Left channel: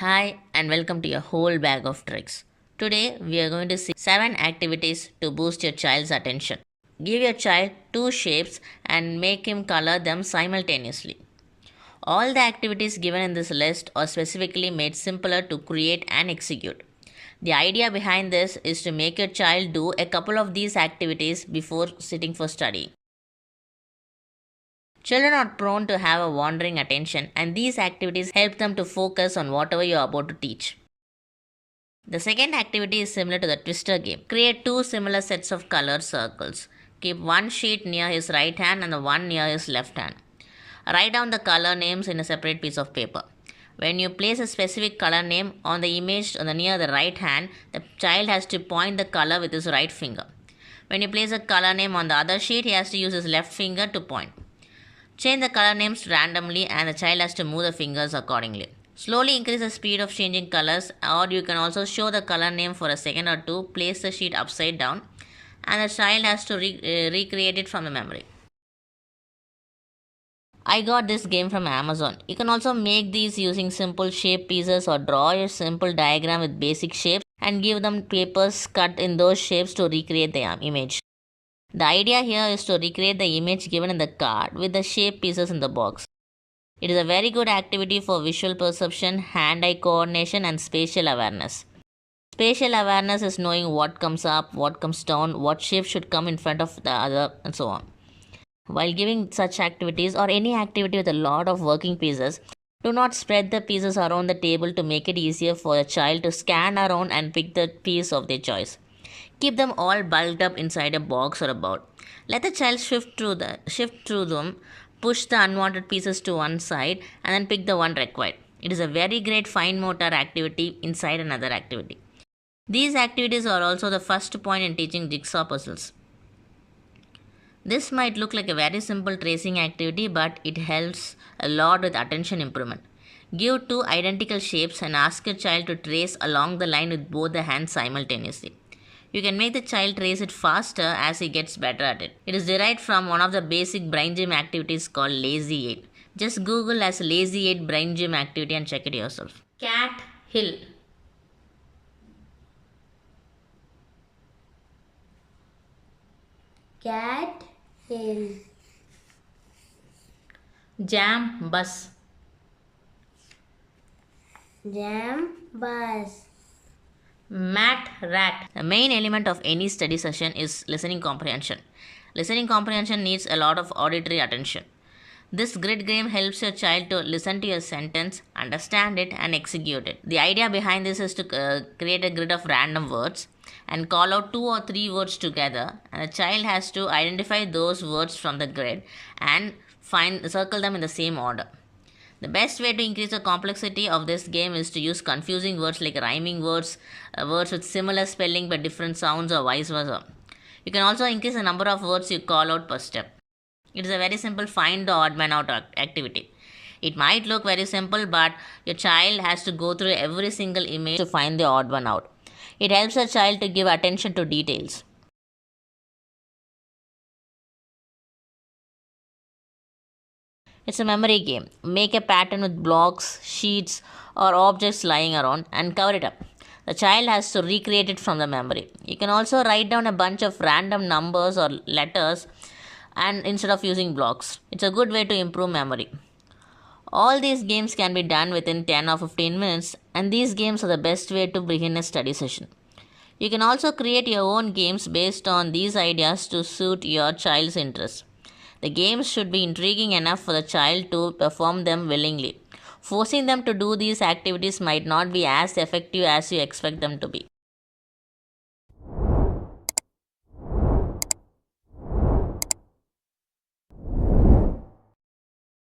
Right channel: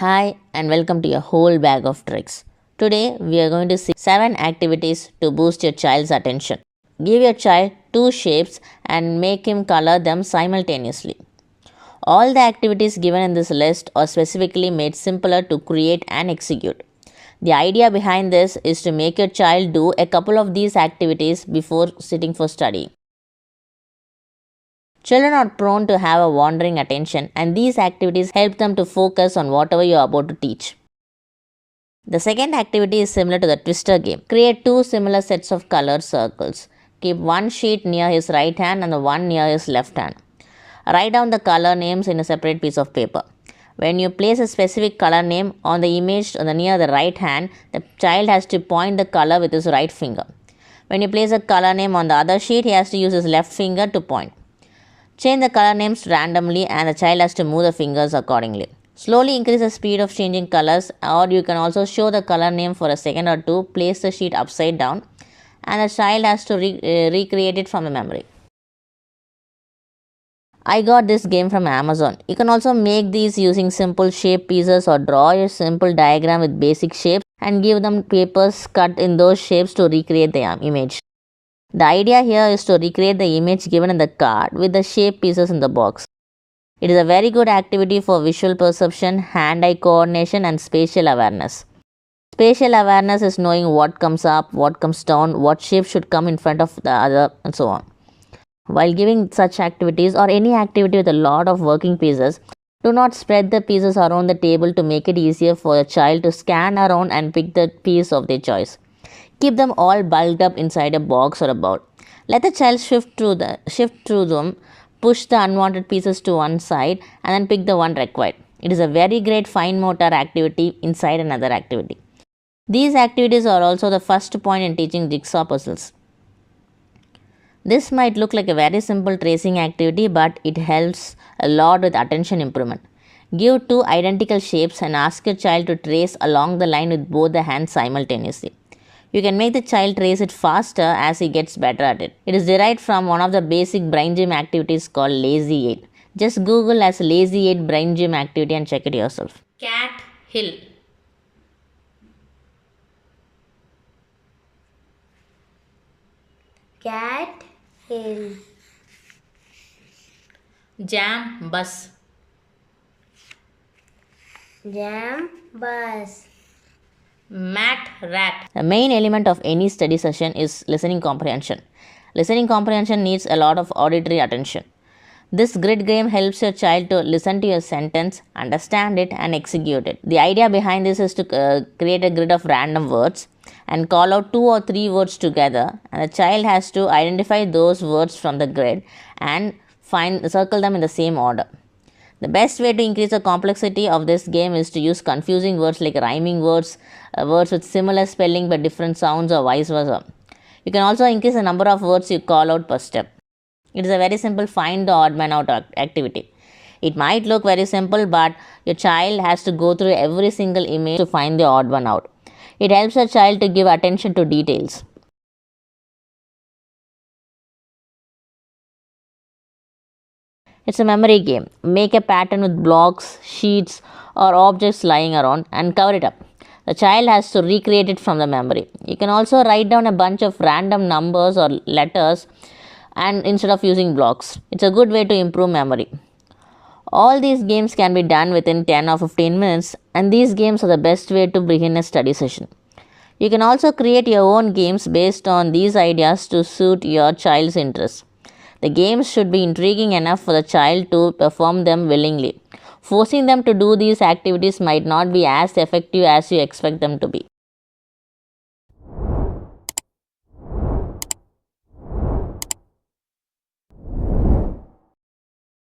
Hi and welcome to your whole bag of tricks. Today we are going to see 7 activities to boost your child's attention. Give your child 2 shapes and make him color them simultaneously. All the activities given in this list are specifically made simpler to create and execute. The idea behind this is to make your child do a couple of these activities before sitting for study. Children are prone to have a wandering attention, and these activities help them to focus on whatever you are about to teach. The second activity is similar to the twister game. Create 2 similar sets of colored circles. Keep one sheet near his right hand and the one near his left hand. Write down the color names in a separate piece of paper. When you place a specific color name on the image near the right hand, the child has to point the color with his right finger. When you place a color name on the other sheet, he has to use his left finger to point. Change the color names randomly and the child has to move the fingers accordingly. Slowly increase the speed of changing colors, or you can also show the color name for a second or two. Place the sheet upside down and the child has to recreate it from the memory. I got this game from Amazon. You can also make these using simple shape pieces or draw a simple diagram with basic shapes and give them papers cut in those shapes to recreate the image. The idea here is to recreate the image given in the card with the shape pieces in the box. It is a very good activity for visual perception, hand-eye coordination and spatial awareness. Spatial awareness is knowing what comes up, what comes down, what shape should come in front of the other and so on. While giving such activities or any activity with a lot of working pieces, do not spread the pieces around the table to make it easier for a child to scan around and pick the piece of their choice. Keep them all bulked up inside a box or a bowl. Let the child shift through them, push the unwanted pieces to one side and then pick the one required. It is a very great fine motor activity inside another activity. These activities are also the first point in teaching jigsaw puzzles. This might look like a very simple tracing activity, but it helps a lot with attention improvement. Give 2 identical shapes and ask your child to trace along the line with both the hands simultaneously. You can make the child trace it faster as he gets better at it. It is derived from one of the basic brain gym activities called Lazy 8. Just Google as Lazy 8 brain gym activity and check it yourself. Cat hill. Cat hill. Jam bus. Jam bus. Mat rat. The main element of any study session is listening comprehension. Listening comprehension needs a lot of auditory attention. This grid game helps your child to listen to your sentence, understand it, and execute it. The idea behind this is to create a grid of random words and call out 2 or 3 words together, and the child has to identify those words from the grid and circle them in the same order. The best way to increase the complexity of this game is to use confusing words like rhyming words, words with similar spelling but different sounds, or vice versa. You can also increase the number of words you call out per step. It is a very simple find the odd man out activity. It might look very simple, but your child has to go through every single image to find the odd one out. It helps a child to give attention to details. It's a memory game. Make a pattern with blocks, sheets, or objects lying around and cover it up. The child has to recreate it from the memory. You can also write down a bunch of random numbers or letters and instead of using blocks. It's a good way to improve memory. All these games can be done within 10 or 15 minutes, and these games are the best way to begin a study session. You can also create your own games based on these ideas to suit your child's interests. The games should be intriguing enough for the child to perform them willingly. Forcing them to do these activities might not be as effective as you expect them to be.